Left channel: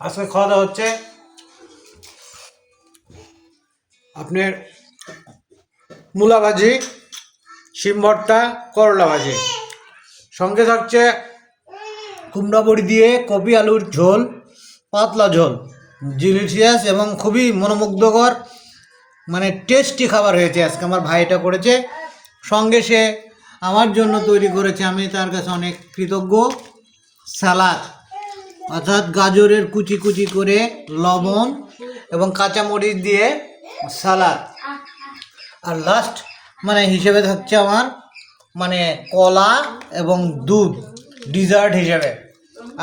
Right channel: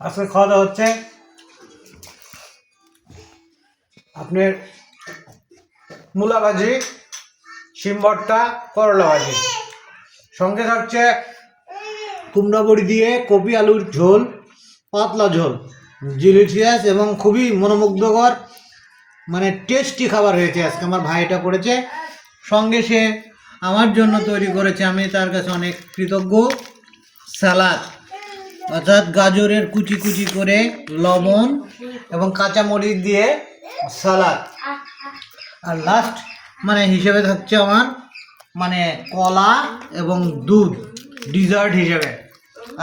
আজকে খাওয়া দাওয়া হচ্ছে আপনার মূলা ভাজি, শিম ভর্তা, করলা ভাজি, সঙ্গে থাকছে কুমড়া বড়ি দিয়ে কপি আলুর ঝোল, পাতলা ঝোল, ডিলিশিয়াস এবং খুবই মনোমুগ্ধকর, মানে টেস্টি খাবার হয়েছে। আজকে আমার ভাইটা করেছে, সঙ্গে সে আমার জন্য তৈরি করেছে, আমি তার কাছে অনেক কৃতজ্ঞ। সালাদ, অর্থাৎ গাজরের কুচি কুচি করে লবণ এবং কাঁচামরিচ দিয়ে সালাদ, আর লাস্ট মানে হিসেবে থাকছে আমার মানে কলা এবং দুধ ডিজার্ট হিসেবে।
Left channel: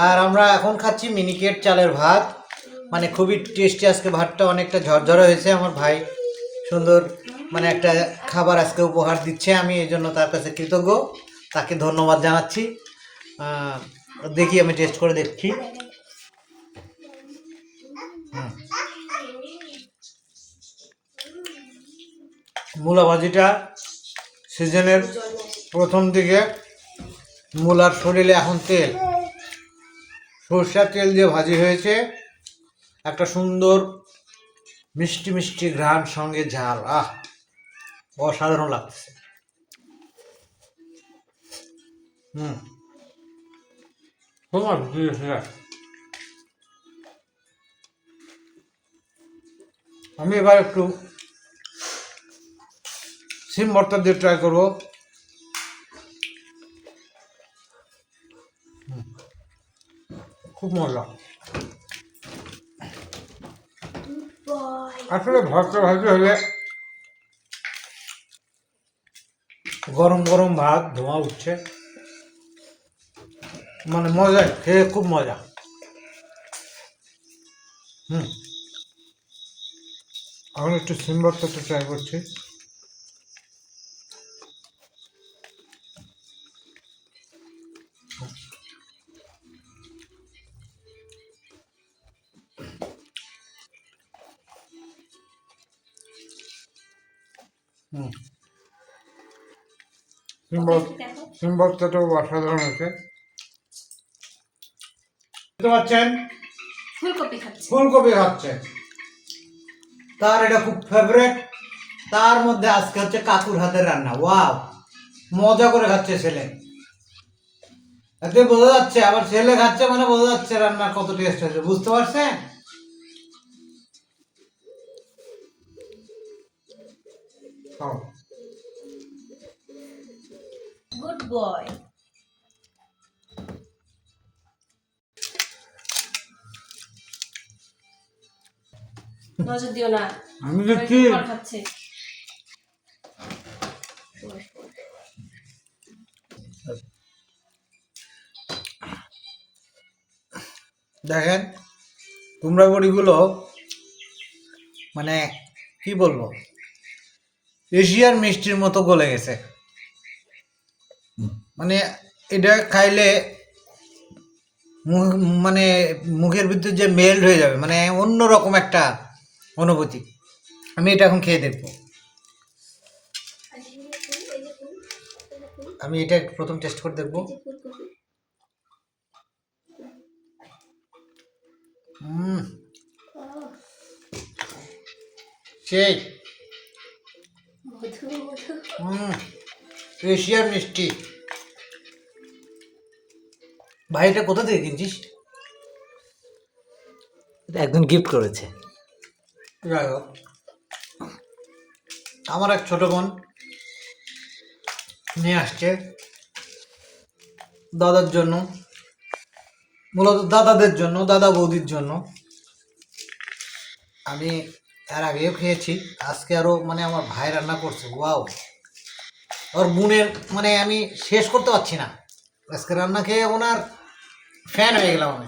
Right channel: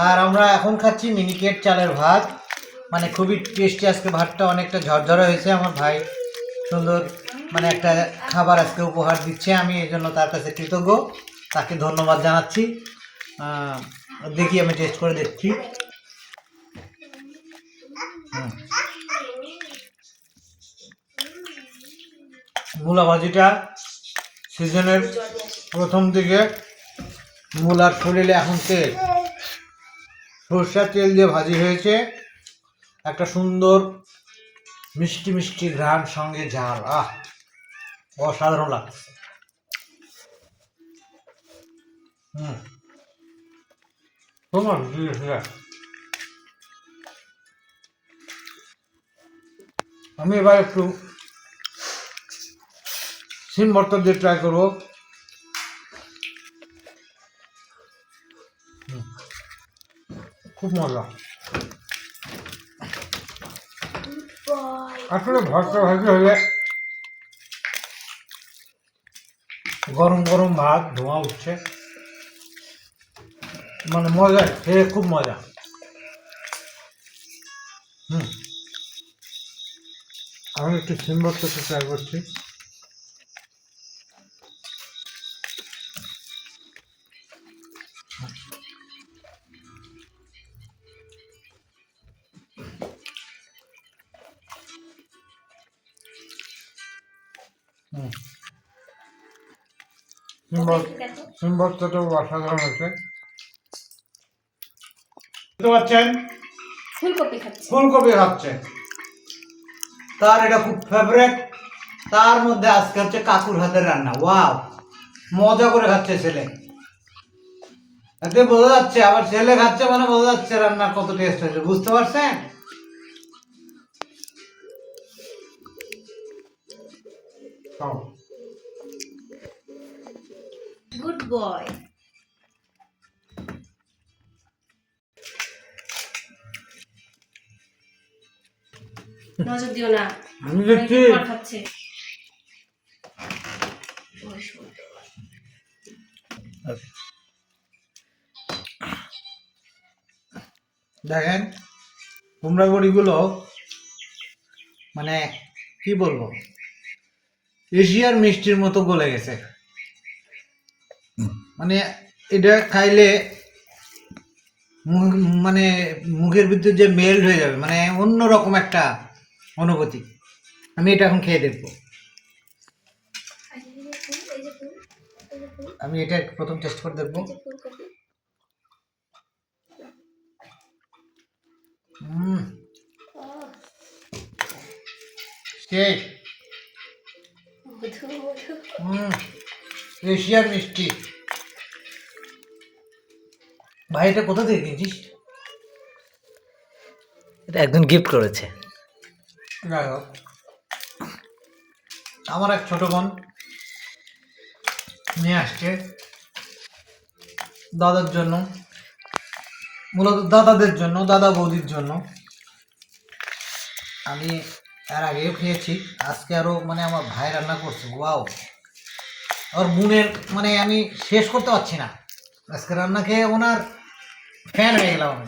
আর আমরা এখন খাচ্ছি মিনিকেট চালের ভাত, মানে খুবই টেস্টি। আজকে ভাতটা অনেকটা ঝরঝরে হয়েছে। আমার ভাই সুন্দর মানে একটা খাবার আজকে উপহার দিচ্ছে, আমি এই জন্য তার কাছে কৃতজ্ঞ, তাকে ধন্যবাদ জানাচ্ছি। দেখি আমি টেস্ট করে দেখছি। মূলা ভাজিটা সিজনের প্রথম দিকে মূলার শরীরে এখন তেল, সরষের তেল দিয়ে ভাজি হয়েছে, একটা সুন্দর মিষ্টি মিষ্টি ঘ্রাণ, সঙ্গে ঝাল, অসাধারণ লাগছে। আমি এবার একটু সিম ভর্তা দিয়ে ট্রাই করবো। খুব মজা। আসলে ভর্তা ভাজি হলে গরম গরম ভাত, ধোঁয়া উঠছে, মানে মজা, খেয়ে খুব মজা। আমি একটু সিম ভর্তাটা ট্রাই করছি। সিম ভর্তাটাও অসাধারণ হয়েছে। বুঝতে পারছেন, ফুলকপি খাচ্ছে, তার এটা খুব ফেভারেট। তার মধ্যে আজকে হচ্ছে কাকুর হাতের রান্না। ওয়াও, মজা করে খাচ্ছে ছেলে, এতে বোঝা যাচ্ছে আমার ছেলে খাচ্ছে, মানে বোঝা যাচ্ছে রান্না কত টেস্ট হয়েছে। বুঝতে পারছেন? Good boy. নজর দিও না, আমি দেখছি খাচ্ছে। দেখেন কুমড়া বড়িগুলো, মানে কি বলবো, এশিয়ার মিষ্টির মতো গলে গেছে। মানে এটা খাইলে মানে মুখের ভিতরে যে মেল্ট হয়ে যাবে, মানে অন্যরকম একটা অনুভূতি। আমি এটা এখন খেয়ে দেখবো। আমি এটা প্রথম টেস্ট করে দেখবো। সেই এশিয়ার মিষ্টি। ভাই এটা কোথা থেকে কিনছিস? এটা একজন গিফট করেছে। যাই হোক, আমার এক ছোট বোন নিয়ে আসছে দাদার জন্য, মূলত দাদাদের জন্য, দাদা বৌদির জন্য। আমি এর আগেও খেয়েছি, আজকে আরও মানে আমার ভাই রান্না করছে। ওয়াও, ওর বোনের মানে আমি শেষ করতে পারছি না, আজকে রান্না খেয়ে ওনার ফ্যান হয়ে গেলাম আমি।